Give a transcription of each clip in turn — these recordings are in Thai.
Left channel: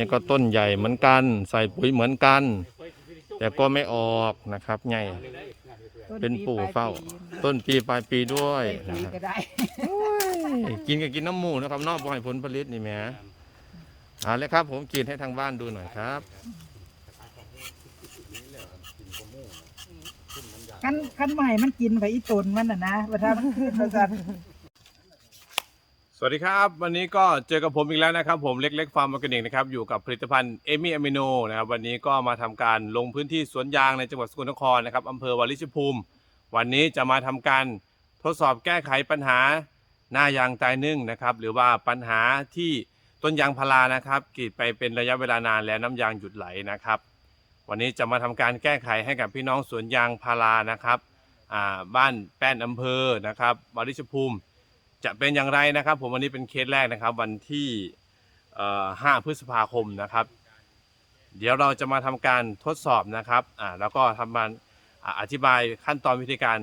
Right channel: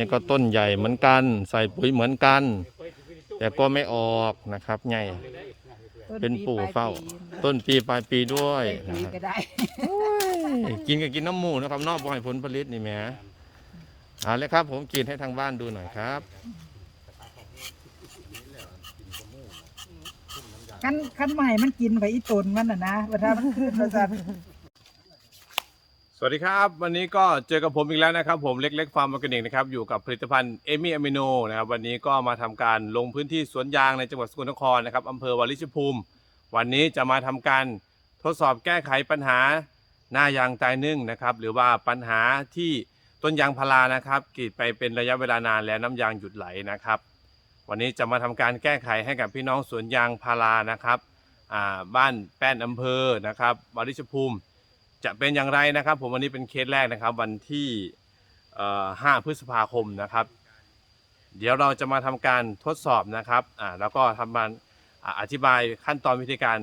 นี่ก็ต้นใหญ่เหมือนกัน ใส่ปุ๋ยเหมือนกัน แต่ก็ไม่ออกนะครับไงเป็นปู่เฝ้า ต้นปีปลายปีด้วยปีนะครับก็ได้กินก็กินน้ำหมูนะครับนอกบ่ให้ผลผลิตนี่แหมเอาเลยครับ ผมกินให้ทางบ้านดูหน่อยครับคันคันใหม่มันกินไปอีตนมันน่ะนะว่าถ้ามันขึ้นมาสั่น สวัสดีครับ วันนี้ก็เจอกับผมอีกแล้วนะครับ ผมเล็กๆฟาร์มออร์แกนิกนะครับอยู่กับผลิตภัณฑ์เอมี่อะมิโนนะครับวันนี้ก็มาทำการลงพื้นที่สวนยางในจังหวัดสกลนครนะครับอำเภอวาริชภูมิ วันนี้จะมาทำการทดสอบแก้ไขปัญหาหน้ายางตายนึ่งนะครับหรือว่าปัญหาที่ต้นยางพารานะครับกรีดไปเป็นระยะเวลานานแล้วน้ำยางหยุดไหลนะครับ วันนี้จะมาทำการแก้ไขให้กับพี่น้องสวนยางพารานะครับอ่าบ้านแป้นอำเภอนะครับวาริชภูมิ จะเป็นอย่างไรนะครับ ผมวันนี้เป็นเคสแรกนะครับ วันที่เอ่อ5พฤษภาคมนะครับ เดี๋ยวเราจะมาทำการทดสอบนะครับอ่าแล้วก็ทำการอ่าอธิบายขั้นตอนวิธีการ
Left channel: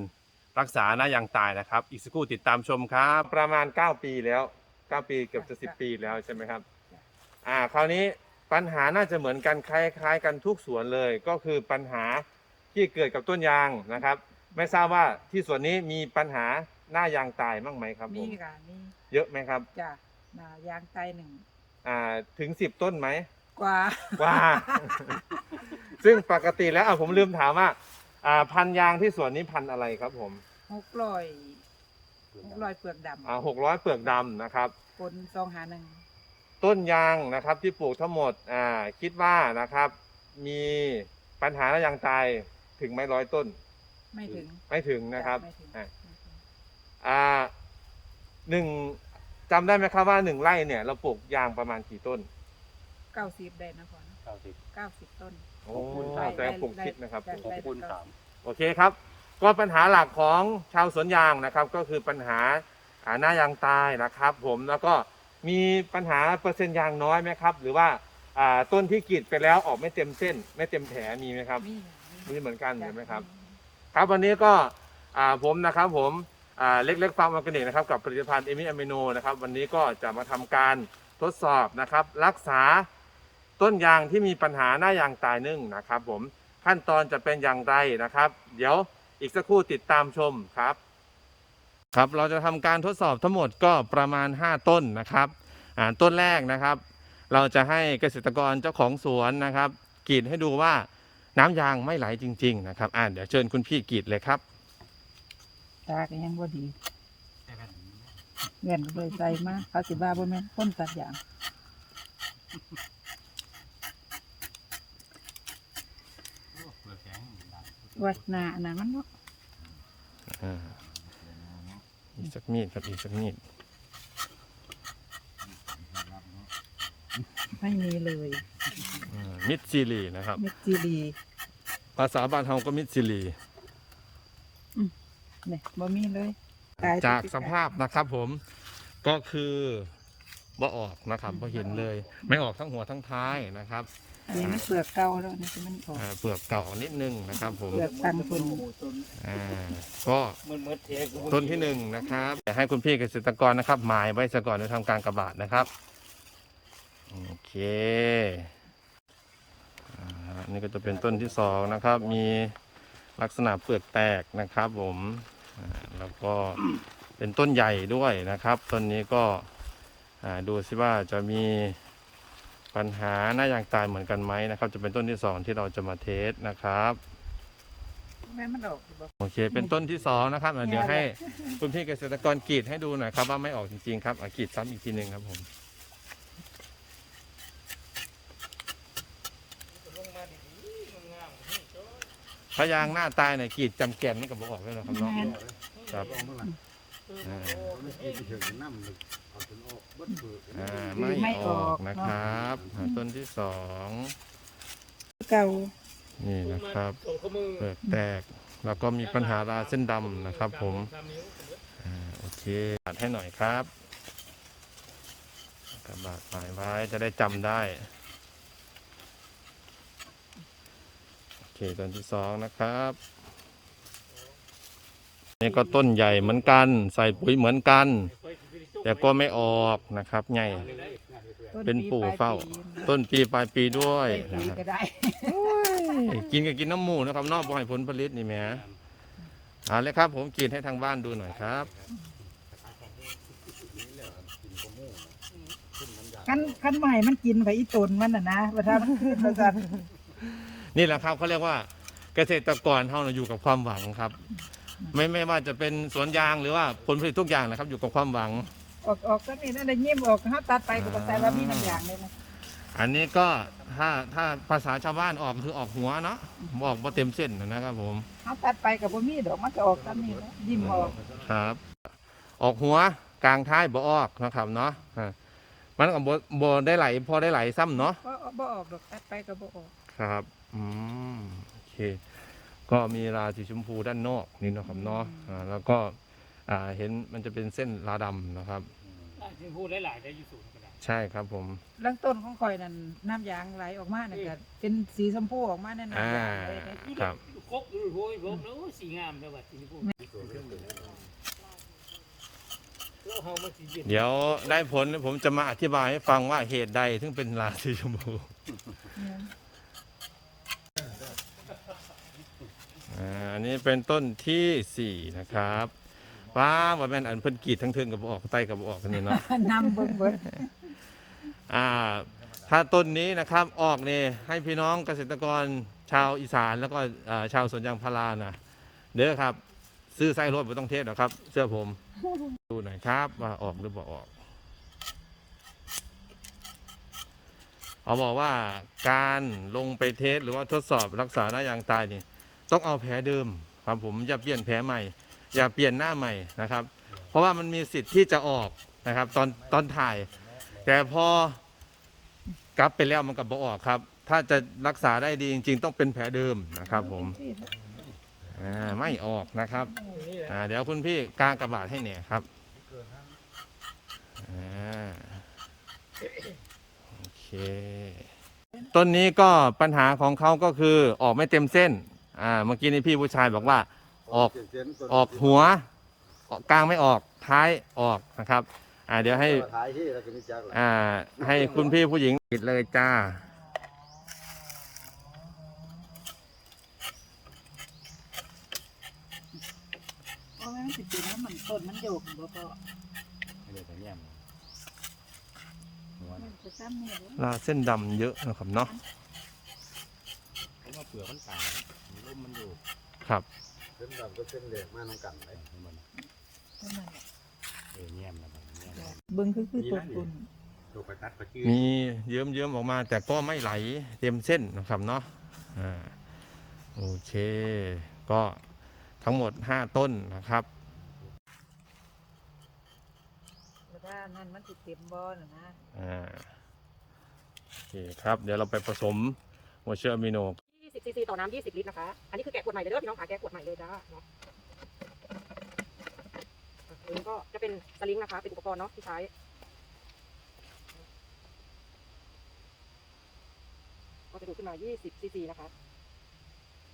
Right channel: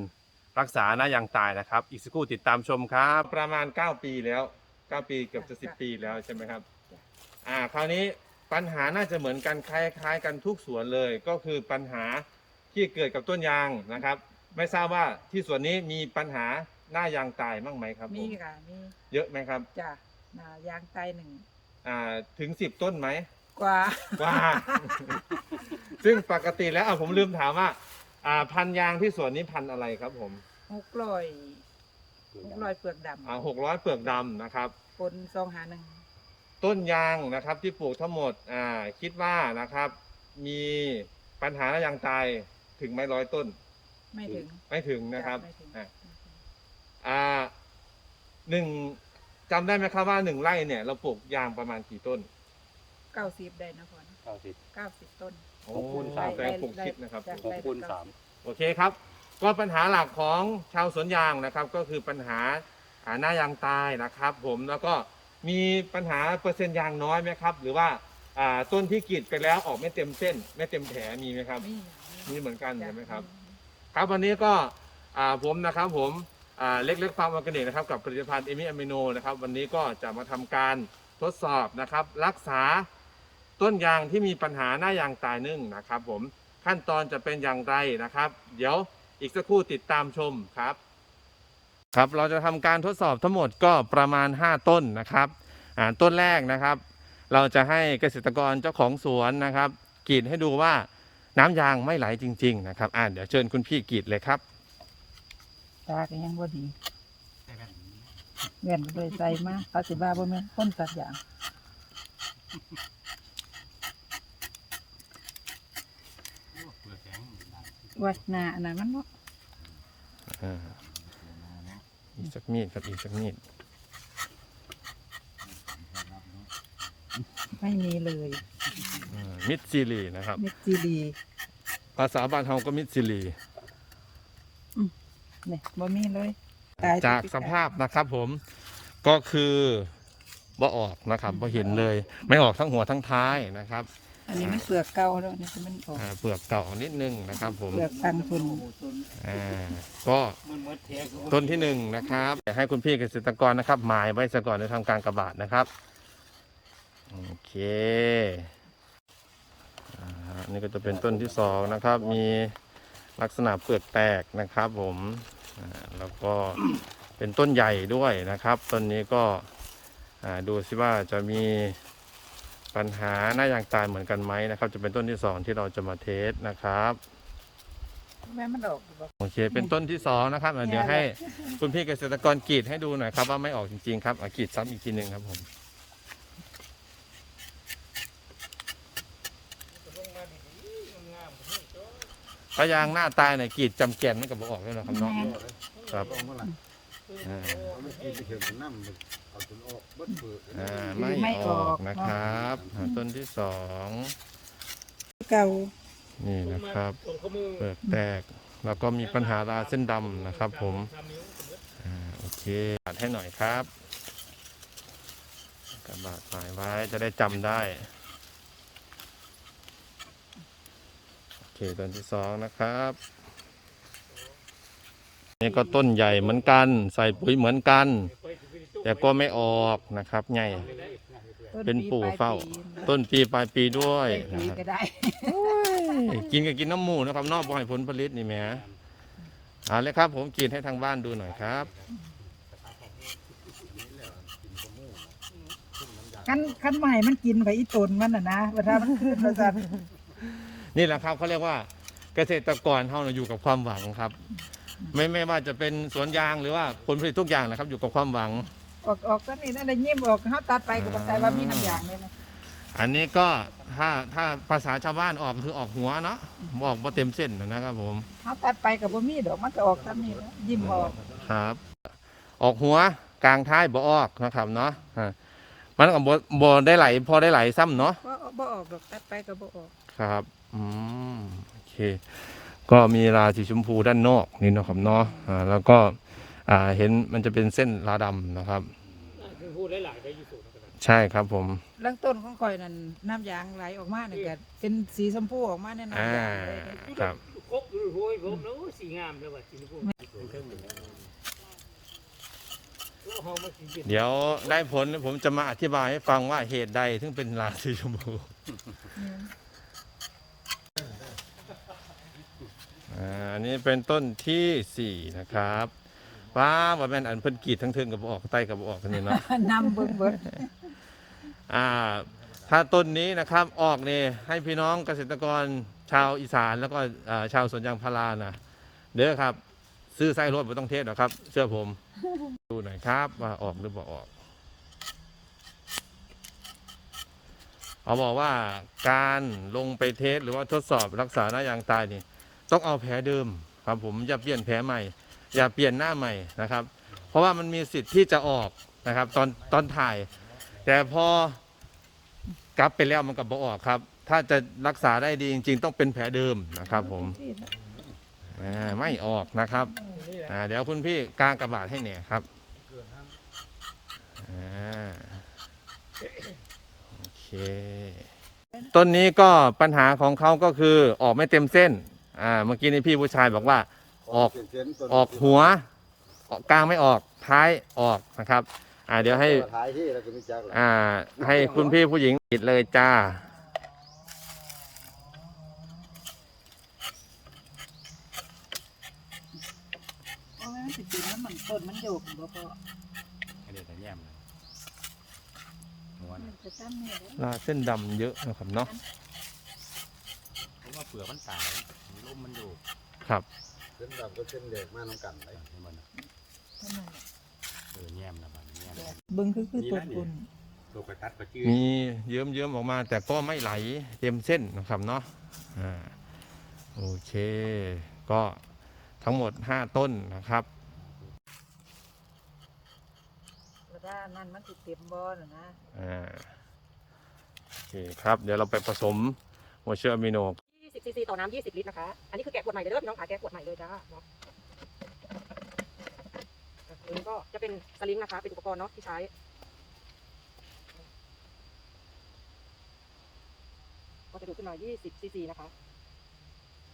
รักษาหน้ายางตายนะครับ อีกสักครู่ติดตามชมครับ ประมาณ 9 ปีแล้ว 9 ปีเกือบจะ 10 ปีแล้วใช่ไหมครับอ่าคราวนี้ปัญหาน่าจะเหมือนกันคล้ายๆ กันทุกสวนเลย ก็คือปัญหาที่เกิดกับต้นยางนะครับ ไม่ทราบว่าที่สวนนี้มีปัญหา หน้ายางตายบ้างไหมครับผมีมค่ะมีเยอะไหมครับ จ้ะนายางไตหนึ่งอ่าถึงสิบต้นไหมกว่า ว่า ซึ่งปกติแล้วอะผมลืมถามว่าอ่า พันธุ์ยางที่สวนนี้พันธุ์อะไรครับผมหกร้อยหกร้อยเปลือกดอ่าหกร้อยเปลือกดำนะครับำปนซองหาหนึ่งต้นยางนะครับที่ปลูกทั้งหมดอ่าคิดว่านะครับ มีปัญหาและยางตายถึงไหม่ร้อยต้น ไม่ถึง ไม่ถึงนะครับไม่ถึง อะไม่ถึง อ่าหนึ่งจำได้ไหมครับว่าหนึ่งไร่เนี่ย เราปลูกยางประมาณกี่ต้นเก้าสิบได้นะพ่อเนอะเก้าสิบต้น โอ้ไร่แต่ปลูกสิบนะครับจ้ะปลูกไร่สิบละเก้าสิบโอเคครับ ก็ปัญหาหลักของชาวสวนยางนะครับ ก็คือปัญหาอ่าหน้ายางตายนะครับ ผมแล้วก็มีปัญหาเปอร์เซ็นต์ยางน้อยไหมครับ หรือว่าอ่าต้นที่กรีดไปแล้วออกไม่เต็มเส้น ไม่เต็มแผลมีไหมครับ มีอย่างนี้มีเหมือนกันจ้ะใช่ไหมครับมีครับวันนี้ก็อ่าผมนะครับผมอ่า เล็กๆฟาร์มออร์แกนิกนะครับกับผลิตภัณฑ์เอมิอะมิโนนะครับวันนี้ก็จะมาทำการทดสอบนะครับ รักษาต้นยางที่มีปัญหาหน้ายางตายนึ่งนะครับ ผมขั้นตอนจะเป็นอย่างไรนะครับ เดี๋ยวอีกสักครู่ติดตามชมครับ ครับเราจะทำการทดสอบทั้งหมดก็ประมาณ 5 ต้นนะครับต้นแรกนะครับ เราจะให้เกษตรกรเจ้าของสวนนะครับกรีดให้ดูว่าน้ำยางไม่ไหลจริง ๆ นะครับอ่าเดี๋ยวเชิญคุณพี่กรีดเลยครับ ตาก็ยังบ่ดีเวียนก็เลยใส่มาเขาสิบ้าบ่แม่นคนตัดอย่างวัดหนาอันนั้นมันบ่อ่าอีกสักมีดครับอีกสักมีดไม่มีเลยอ่ามิดซิลีนะครับเม็ดจีรี ภาษาบ้านเฮาก็มิดซิลีเนี่ยบ่มีเลยตยจากสภาพนะครับผมก็คือบ่ออกนะครับบ่เห็นเลย ไม่ออกทั้งหัวทั้งท้ายนะครับอันนี้มันเปลือกเก่าแล้วนี่คือมันออกอ่าเปลือกเก่านิดนึงนะครับ ผมเปลือกตังทุนอ่าก็ต้นที่หนึ่งนะครับเดี๋ยวให้คุณพี่เกษตรกรนะครับ หมายไว้ซะก่อนในทำการกระบาดนะครับโอเคอ่านี่ก็จะเป็นต้นที่สองนะครับ มีลักษณะเปลือกแตกนะครับ ผมอ่า แล้วก็เป็นต้นใหญ่ด้วยนะครับ ต้นนี้ก็อ่าดูซิว่าจะมีปัญหาหน้ายางตายเหมือนกันไหมนะครับ จะเป็นต้นที่สองที่เราจะมาเทสนะครับแม่มันออกบ่โอเค เป็นต้นที่สองนะครับอะเดี๋ยวให้คุณพี่เกษตรกรกรีดให้ดูหน่อยครับว่าไม่ออกจริงๆครับอะกรีดซ้ำอีกทีหนึ่งครับผม พยางหน้าตายเนี่ยกรีดจำแกนนั่นก็บออกแล้วนะครับเนาะครับอ่าอ่าไม่ออกนะครับอ่าต้นที่สองเก่านี่นะครับเปลือกแตกแล้วก็มีปัญหาราเส้นดำนะครับ ผมอ่าโอเคตัดให้หน่อยครับกระบาดหมายไว้จะได้จำได้ โอ เคต้นที่สองนะครับนี่ก็ต้นใหญ่เหมือนกัน ใส่ปุ๋ยเหมือนกัน แต่ก็ไม่ออกนะครับใหญ่เป็นปู่เฝ้า ต้นปีปลายปีด้วยนะครับกินก็กินน้ำหมูนะครับนอกบ่ให้ผลผลิตนี่แหมเอาเลยครับ ผมกินให้ทางบ้านดูหน่อยครับคันคันใหม่มันกินไปอีตนมันน่ะนะว่าถ้านขึ้นมาน นี่แหละครับเขาเรียกว่าเกษตรกรเฮาน่ะอยู่กับความหวังครับ ไม่ไม่ว่าจะเป็นสวนยางหรือว่าผลผลิตทุกอย่างนะครับ อยู่กับความหวัง ออกออกซะนี่นั่นได้ยิ้มออกเฮาตัดไปก็บ่ใส่ว่ามีน้ำยางเลยนะอันนี้ก็ถ้าถ้าภาษาชาวบ้านออกคือออกหัวเนาะออกบ่เต็มเส้นนะครับผมเฮาตัดไปก็บ่มีดอกมันจะออกซะนี่แหละยิ้มออกครับ ออกหัวกลางท้ายบ่ออกนะครับเนาะอ่ามันก็บ่บ่ได้ไหลพอได้ไหลซ้ำเนาะก็ บ่ออกดอกตัดไปก็บ่ออกครับอืมโอเค ก็มีราสีชมพูด้านนอกนี่เนาะครับเนาะอ่าแล้วก็อ่าเห็นมันจะเป็นเส้นราดำนะครับพูดหลายๆได้อยู่สูงกันนะใช่ครับผม เรื่องต้นของข่อยนั่นน้ำยางไหลออกมาเนี่ยก็เป็นสีชมพูออกมาแน่นอนอ่า ครับ ครบดูโว้ยครบแล้วสีงามเลยว่ะสีพูดแล้วหอมมาสี เย็นเดี๋ยวได้ผลผมจะมาอธิบายให้ฟังว่าเหตุใดถึงเป็นราสีชมพูอ่าอันนี้เป็นต้นที่สี่นะครับว้าว่าแม่นอันเพิ่นกรีดทั้งเทิงกับบ่ออกใต้กับบ่ออกกันนี่เนาะนำเบิ่งเบิ่งอ่า ถ้าต้นนี้นะครับออกเนี่ยให้พี่น้องเกษตรกรชาวอีสานแล้วก็อ่าชาวสวนยางพารานะเด้อครับ ซื้อไส้รถไม่ต้องเทศหรอกครับ เสื้อผม ดูหน่อยครับ ว่าออกหรือบ่ออกเขาบอกว่าการลงไปเทสหรือว่าทดสอบรักษาหน้ายางตายนี่ต้องเอาแผลเดิมครับผมอย่าเปลี่ยนแผลใหม่ อย่าเปลี่ยนหน้าใหม่นะครับ เพราะว่ามันมีสิทธิ์ที่จะออกนะครับ ตอนตอนถ่าย แต่พอกลับไปแล้วมันก็บอออกครับ ถ้าจะรักษาได้ดีจริง ๆ ต้องเป็นแผลเดิมนะครับผม อ่าไม่ออกนะครับอ่าเดี๋ยวคุณพี่กางกระบาดให้เนี่ยครับอ่าโอเค ต้นนี้ก็ปัญหาของเขาก็คือออกไม่เต็มเส้นอ่าเมื่อกี้นี่พี่ผู้ชายบอกว่าออกออกหัวออกกลางไม่ออกท้ายออกนะครับ อ่าเดี๋ยวให้ท้ายที่เราจะมีจักรอ่าให้คุณพี่ผู้หญิงปิดเลยจ้า เพราะว่ามัน สิเป็นแล้วมันต้นมันโยกบ่พออันนี้ของแย่มนวลมันจะซ้ำนี่เลยลาเส้นดำเยอะนะครับเนาะเพราะว่าเปลือกมันต่างร่มมันอยู่ครับ เส้นดำก็เส้นเหล็กมากน้ำกันเลยให้มันเท่านั้นแหละเออแย่มนะมันแย่มเบิ่งคือคือต้นตุนตัวกระตัดกระจืดมีเยิ้มเยิ้มๆออกมาแต่ก็ไม่ไหลเต็มเส้นนะครับเนาะอ่าโอเค ก็ทั้งหมด 5 ต้นนะครับ แล้วก็นั่นมันสิเต็มบ่น่ะนะอ่าโอเคครับ เดี๋ยวเราไปผสมหัวเชื้ออะมิโน20ซีซีต่อน้ำ20 ลิตรนะคะ อันนี้คือแกะขวดใหม่เลยเด้อพี่น้องขายแกะขวดใหม่เลยค่ะเนาะอันนี้ก็จะเป็นสลิงนะคะ เป็นอุปกรณ์เนาะที่ใช้ ก็จะขึ้นมา 20 ซีซีนะคะ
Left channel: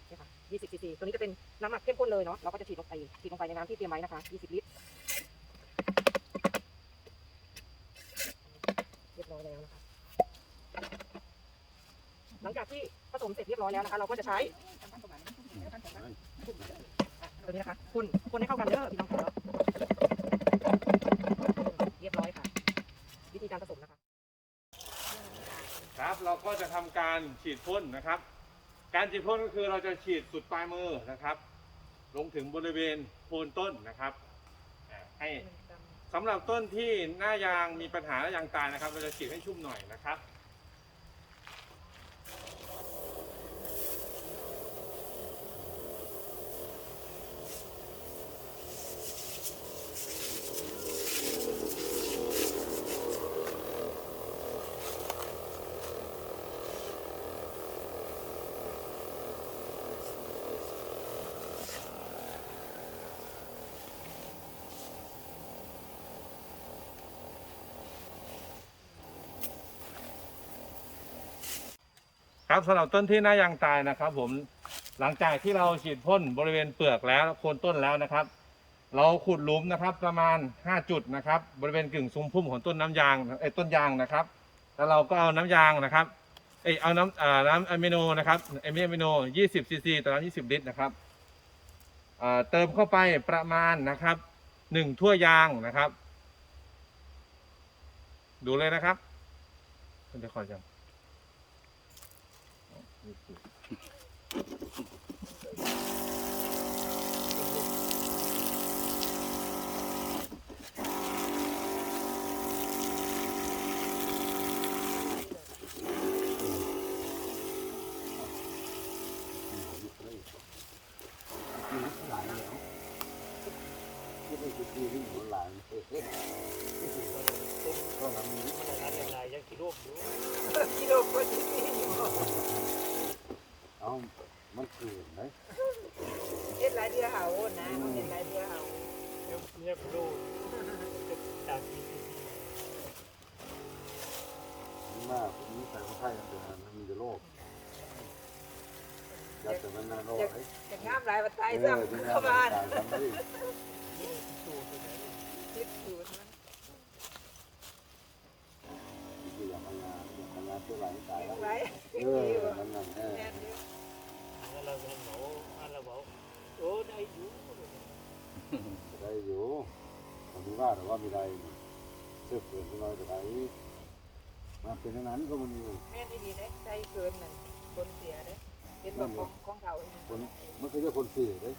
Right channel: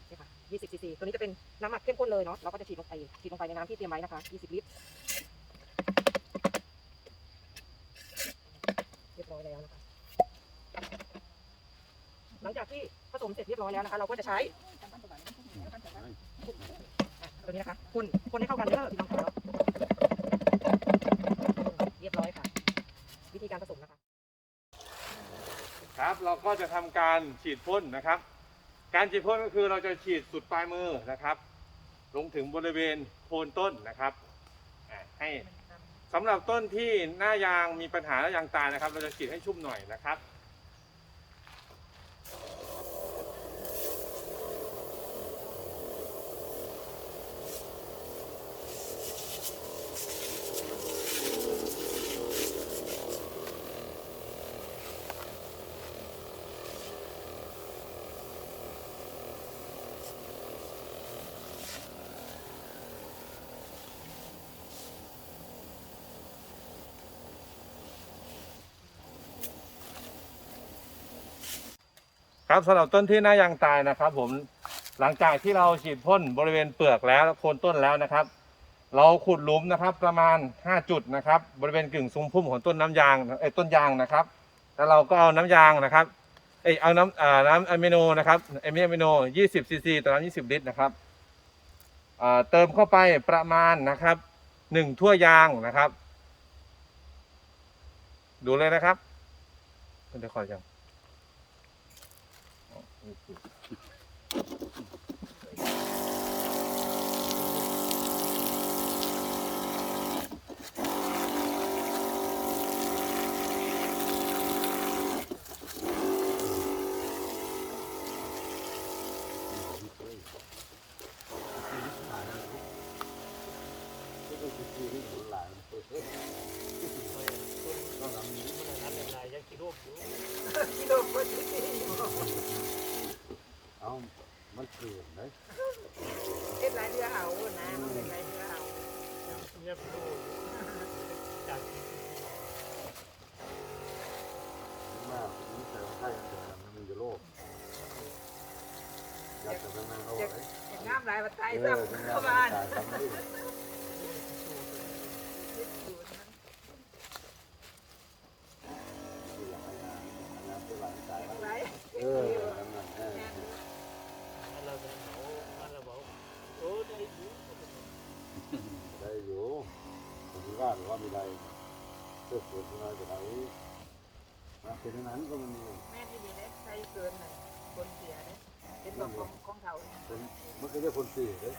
นี่ค่ะ 20 ซีซี ตัวนี้จะเป็นน้ำหมักเข้มข้นเลยเนาะเราก็จะฉีดลงไป ฉีดลงไปในน้ำที่เตรียมไว้นะคะ 20 ลิตรเรียบร้อยแล้วนะคะ หลังจากที่ผ สมเสร็จเรียบร้อยแล้วนะคะ เราก็จะใช้ตัวนี้นะคะคนคนให้เข้ากันเด้อพี่น้องครับเรียบร้อยค่ะ วิธีการผสมนะคะ ครับเราก็จะทำการฉีดพ่นนะครับ การฉีดพ่นก็คือเราจะฉีดสุดปลายมือนะครับ ลงถึงบริเวณโคนต้นนะครับอ่าให้สำหรับต้นที่หน้ายางมีปัญหาหน้ายางตายนะครับ เราจะฉีดให้ชุ่มหน่อยนะครับ ครับสำหรับต้นที่หน้ายางตายนะครับ ผมหลังจากที่เราฉีดพ่นบริเวณเปลือกแล้วโคนต้นแล้วนะครับ เราขุดหลุมนะครับ ประมาณ 5 จุดนะครับ บริเวณกึ่งซุ้มพุ่มของต้นน้ำยางเอ้ต้นยางนะครับแล้วเราก็เอาน้ำยางนะครับเอ้เอาน้ำอ่าน้ำอะมิโนนะครับอะมิโน 20ซีซีต่อน้ำ20 ลิตรนะครับอ่าเติมเข้าไปประมาณนะครับหนึ่งถ้วยยางนะครับ ดูเลยนะครับคุณจะคอยจัง อ๋อ เอามันเปลี่ยนไหม เฮ็ดหลายเดือนเอานะเฮ็ดหลายเดือนเอา เนี่ยกูจาก หน้าผมใส่ใส่แต่มันจะโลภแล้วแต่นั้นโลภ อยาก ไอ้ อยากงาม หลายบัดไทยเอซ้อที่ำงาเข้านบ้าน ทำไม ยึดศูนย์หลาย เออนั่นน่ะเออ เราเราบอกโอ้ได้อยู่ ได้อยู่ผมว่าเราไม่ได้เพื่อเปิดเราจะไหนเป็นอย่างนั้นก็มัน แม่ที่ดีนะใส่เกินน่ะคนเสียนะเห็นบอก ของเขา เป็นมันก็เรียกคนสี่เลย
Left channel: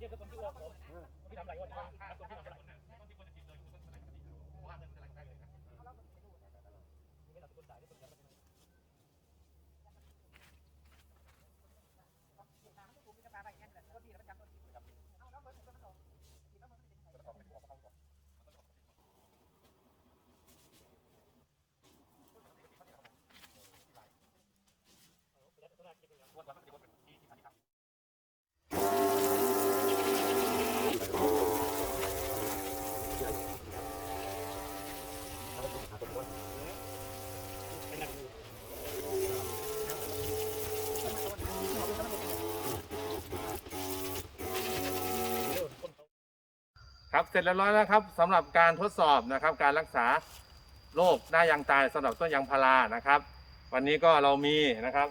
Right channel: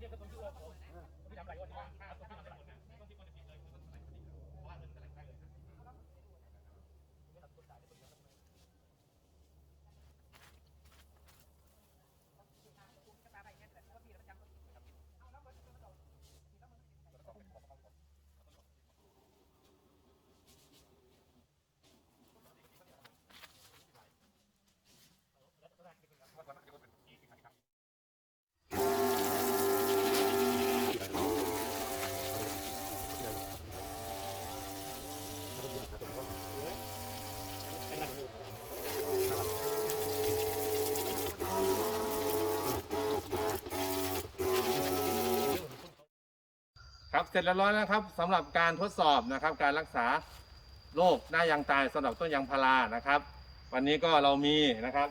ครับ เสร็จแล้วร้อยแล้วครับสำหรับการทดสอบนะครับ การรักษาโรคหน้ายางตายสำหรับต้นยางพารานะครับ วันนี้ก็เรามีนะครับ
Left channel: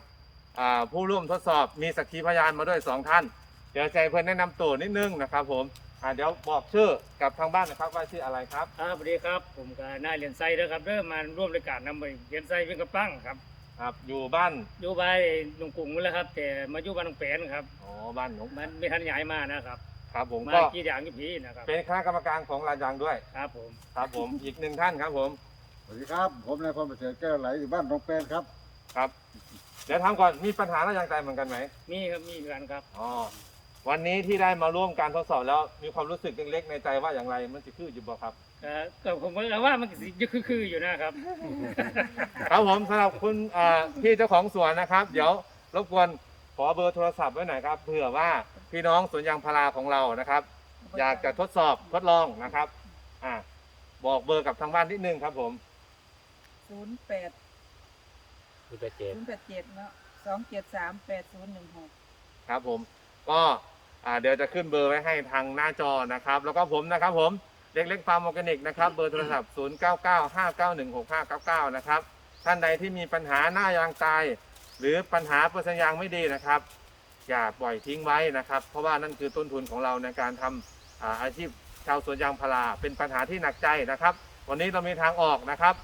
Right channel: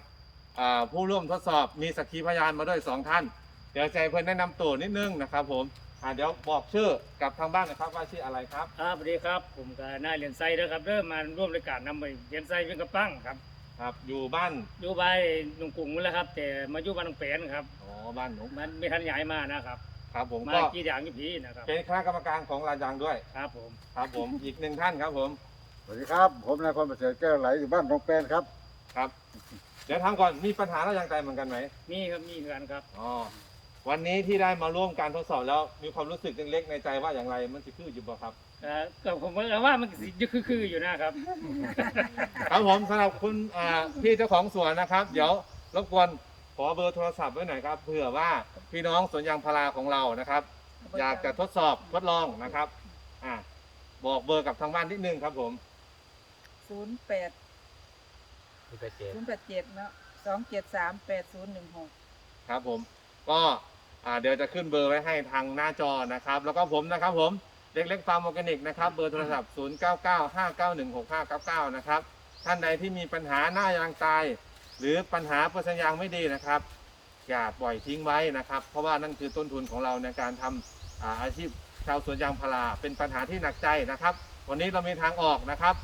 อ่าผู้ร่วมทดสอบมีสักขีพยานมาด้วยสองท่าน เดี๋ยวใจเพื่อนแนะนำตัวนิดนึงนะครับผมอ่าเดี๋ยวบอกชื่อกับทางบ้านนะครับว่าชื่ออะไรครับครับสวัสดีครับ ผมก็นายเรียนไซด์นะครับเริ่มมาร่วมรายการนำไปเรียนไซด์เป็นกระปั้งครับครับอยู่บ้านอยู่บ้านหนุ่งกรุงนั่นแหละครับ แต่มาอยู่บ้านหนองแปนครับอ๋อบ้านหนองมันไม่ทันย้ายมานะครับ ครับผมมาก็กี่อย่างกี่ผีนะครับเป็นคณะกรรมการของลานยางด้วย ครับผมครับผม อีกหนึ่งท่านครับผม สวัสดีครับ ผมนายพรประเสริฐแก้วไหลอยู่บ้านหนองแปนครับครับ เดี๋ยวถามก่อนมีปัญหาหน้ายางตายเหมือนกันไหมมีครับมีกันครับอ๋อวันนี้ที่ได้มาร่วมการทดสอบแล้วมีความรู้สึกเล็กๆในใจว่าอย่างไรมันจะคืออยู่บ่ครับก็ก็ผมว่าว่ามันก็สิคือคืออยู่นะครับ ครับผมสำหรับคุณอ่าพี่เจ้าของสวนนะครับ เดี๋ยวรบกวน ขอเบอร์โทรศัพท์ไว้หน่อยครับเผื่อว่าพี่น้องสวนยางพาราของเรานะครับ อยากจะทดสอบทดลองนะครับอ่าบอกเบอร์กับทางบ้านนิดนึงครับผมศูนย์แปดศูนย์แปดเจ็ดเนาะสองเจ็ดสามแปดศูนย์หนึ่งหกครับผมก็อ่าเดี๋ยวจะขึ้นเบอร์ไว้ให้ทางหน้าจอนะครับ แล้วก็ผมนะครับผมเล็กเล็กฟาร์มออร์แกนิกนะครับเบอร์โทรศัพท์ 0 9 9 5 9 1 6 5 9 9 นะครับ ท่านใดที่มีปัญหาหน้ายางตาย หรือปัญหาเปอร์เซ็นต์ยางไม่ดีนะครับ อย่าปล่อยทิ้งไว้นะครับ เพราะว่านั่นคือต้นทุนของเราในการทำอาอาชีพชาวสวนยางพาราเป็นปัญหาที่หนักใจนะครับ วันนี้เรามีทางออกนะครับ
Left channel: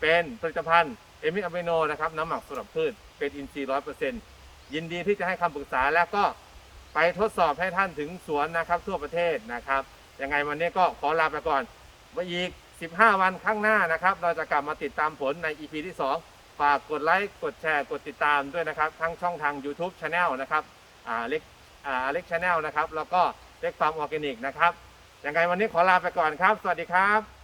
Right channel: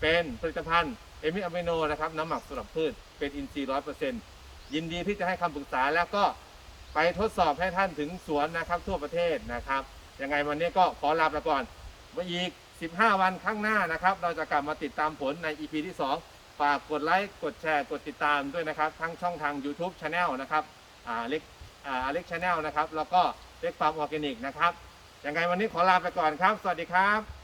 เป็นผลิตภัณฑ์เอมิอะมิโนนะครับน้ำหมักสำหรับพืชเป็นอินทรีย์ร้อยเปอร์เซ็นต์ยินดีที่จะให้คำปรึกษาแล้วก็ไปทดสอบให้ท่านถึงสวนนะครับ ทั่วประเทศนะครับยังไงวันนี้ก็ขอลาไปก่อนไว้อีก 15 วันข้างหน้านะครับ เราจะกลับมาติดตามผลใน EP ที่ 2 ฝากกดไลค์กดแชร์กดติดตามด้วยนะครับ ทั้งช่องทาง YouTube Channel นะครับอ่าเล็กอ่าเล็กชาแนลนะครับ แล้วก็เล็กฟาร์มออร์แกนิกนะครับยังไงวันนี้ขอลาไปก่อนครับ สวัสดีครับ